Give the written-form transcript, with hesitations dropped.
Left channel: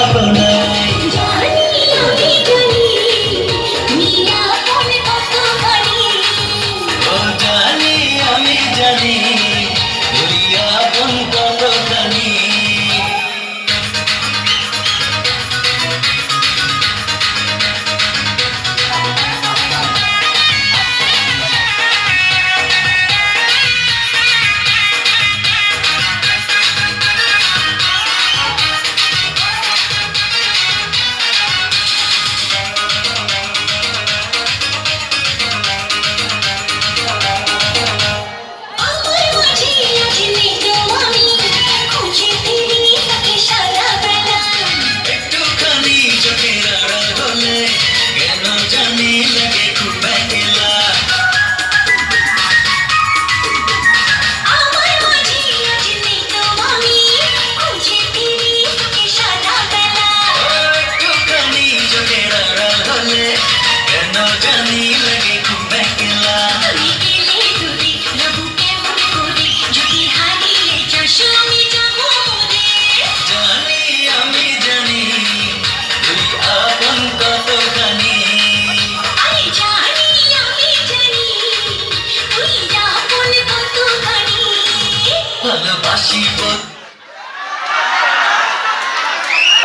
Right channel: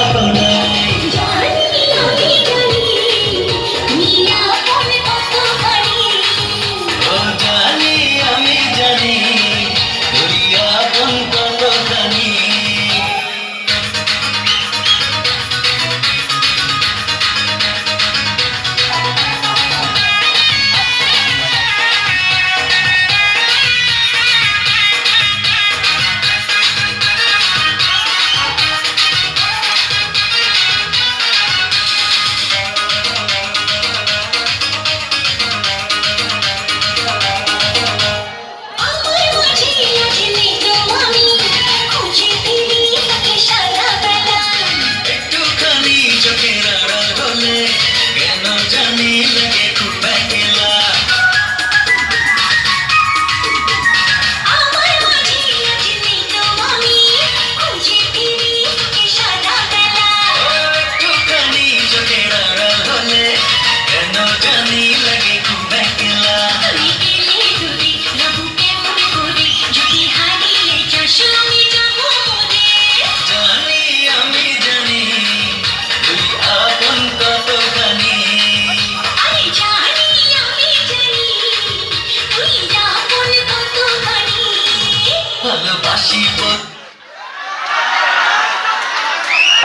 আপনাই। ও জানি আমি জানি তুই আপন কতখানি। একটুখানি চোখের আড়াল হলে কেন জানি লাগে খুব একলা। একটুখানি চোখের আড়াল হলে কেন জানি লাগে খুব একলা। জানি আমি জানি তুই আপন কতখানি। ভালোবাসি